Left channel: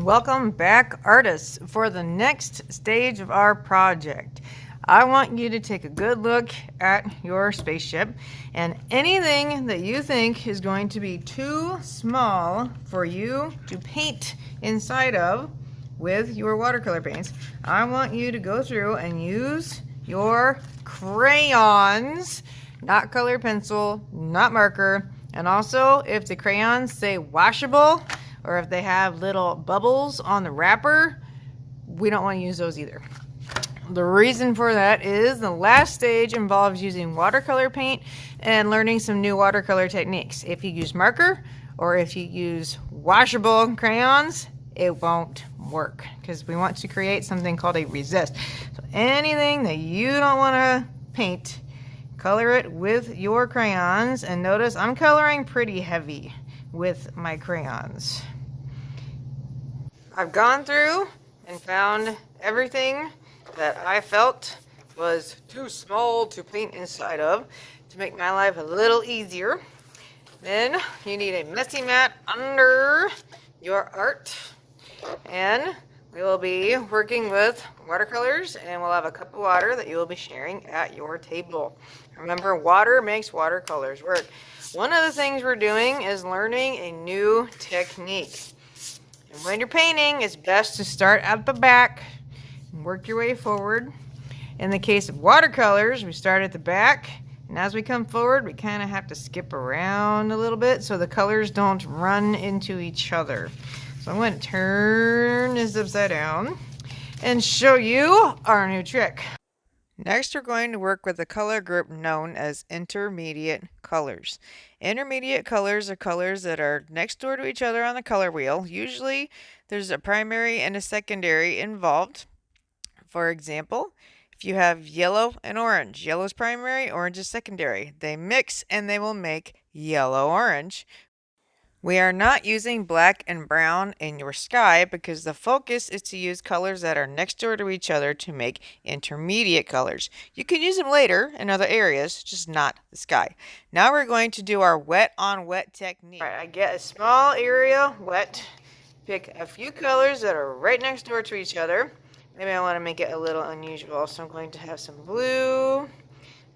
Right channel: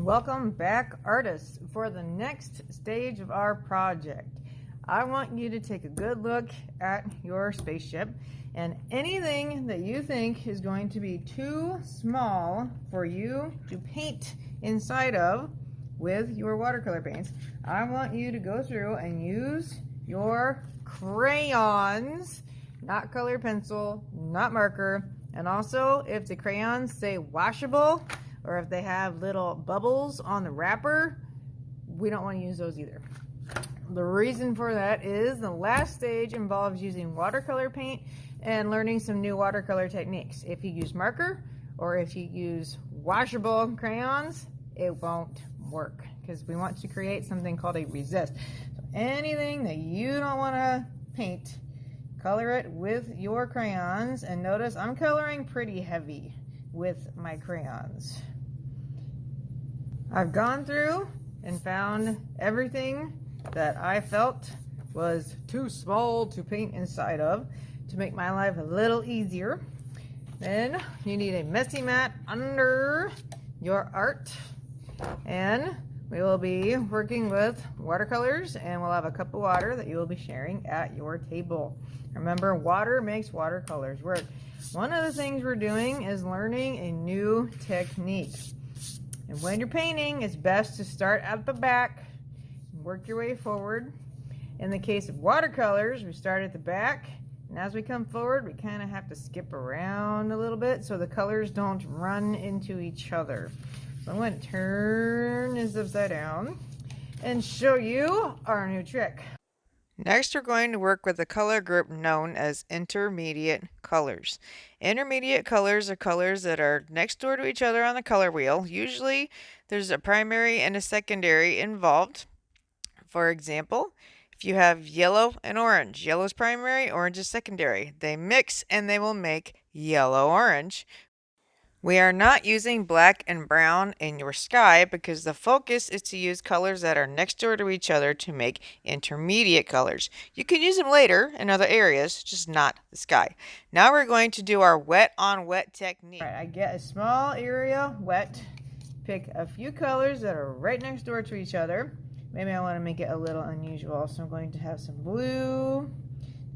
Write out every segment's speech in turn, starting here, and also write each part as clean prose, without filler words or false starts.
Welcome back, artists, for the next stage of our project. I want you to take a good look at your spaceship, and anything that you think is going to be too small for you to paint inside of with your watercolor paints, I want you to go through and use your crayons, not colored pencil, not marker, and also if the crayons say washable, or if they have little bubbles on the wrapper, we don't want to use those either. The reason for that is the last stage involves using watercolor paint and learning some new watercolor techniques. If you use marker or if you use washable crayons, it won't work because we want to create something called a resist. So anything that you don't want to paint, color it with your crayons. And notice I'm coloring pretty heavy with my crayons. I've gone through and found everything that I felt was too small to paint inside of to make my life a little easier. Then you need a messy mat under your art, and we will be working with watercolors, and we'll have a cup of water that you will be sharing at your table. Remember, water makes watercolors work. One of the things we're doing is learning a new technique. And when you're painting, it's best to start at the back and work your way forward. In the case of watercolors, we start at the back, and as we come forward, we kind of have to skip around a little bit so the colors don't run into each other. So I'm going to turn this upside down and show you our new trick. Next, we're going to work with a color group known as intermediate colors. Intermediate colors are colors that are next door to each other on the color wheel. Usually, there's a primary and a secondary involved. For example, if you have yellow and orange, yellow is primary, orange is secondary. They mix and they will make yellow-orange. We are not using black and brown in your sky because the focus is to use colors that are next door to each other to make intermediate colors. You can use them later in other areas, just not the sky. Now we're going to do our wet on wet technique. All right, I get a small area wet, pick a few colors that are right next door to each other. Maybe I want to make it a little unusual, so I'm going to have some blue.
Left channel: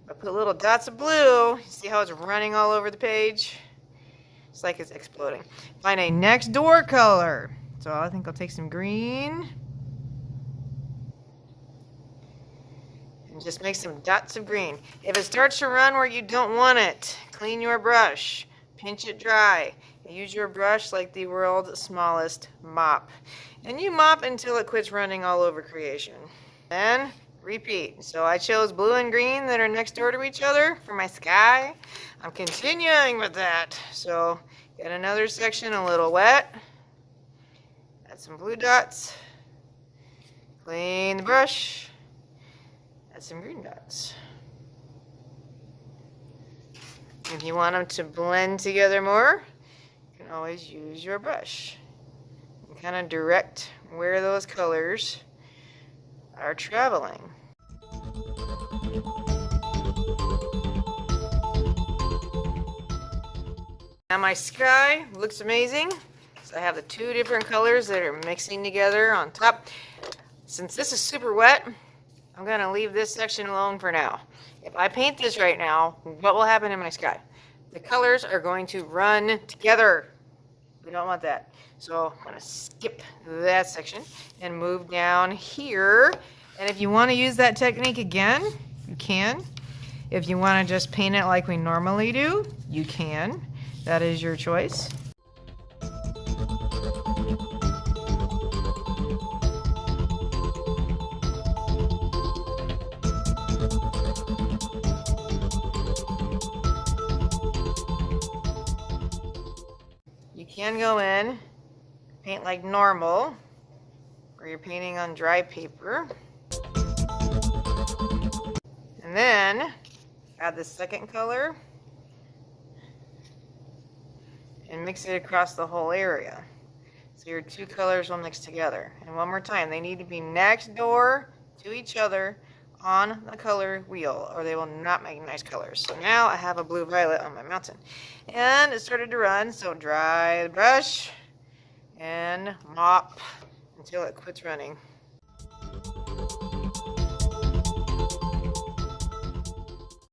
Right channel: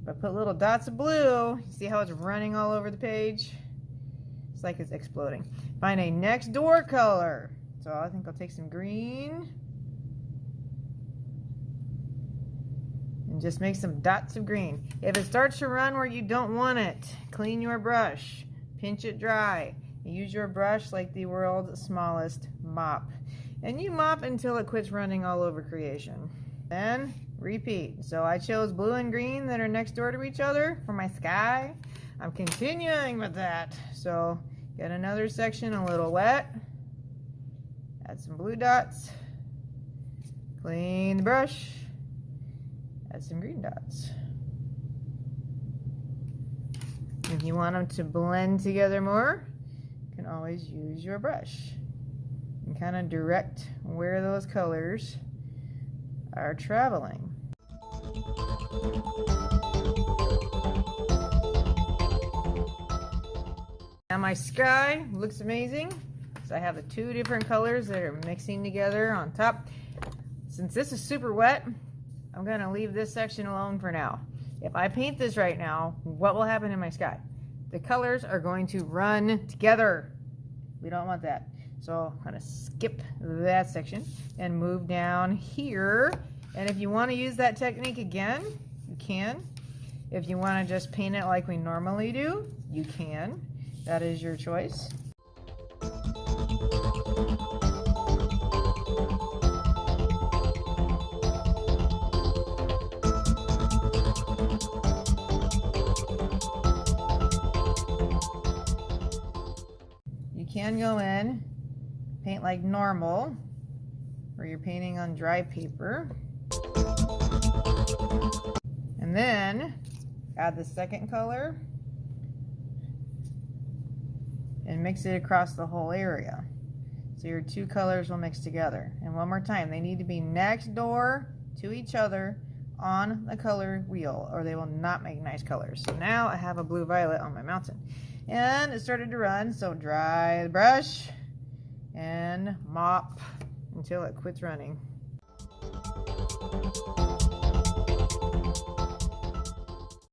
I put little dots of blue. See how it's running all over the page? It's like it's exploding. Find a next door color. So I think I'll take some green and just make some dots of green. If it starts to run where you don't want it, clean your brush, pinch it dry. Use your brush like the world's smallest mop. And you mop until it quits running all over creation. Then repeat. So I chose blue and green that are next door to each other for my sky. I'm continuing with that. So get another section a little wet. Add some blue dots. Clean the brush. Add some green dots. If you want them to blend together more, you can always use your brush and kind of direct where those colors are traveling. Now my sky looks amazing. So I have the two different colors that are mixing together on top. Since this is super wet, I'm going to leave this section alone for now. If I paint this right now, what will happen in my sky? The colors are going to run together. We don't want that. So I'm going to skip that section and move down here. And if you want to use that technique again, you can. If you want to just paint it like we normally do, you can. That is your choice. You can go in, paint like normal, where you're painting on dry paper. And then add the second color and mix it across the whole area. So your two colors will mix together. And one more time, they need to be next door to each other on the color wheel, or they will not make nice colors. So now I have a blue violet on my mountain. And it started to run, so dry the brush, and mop until it quits running.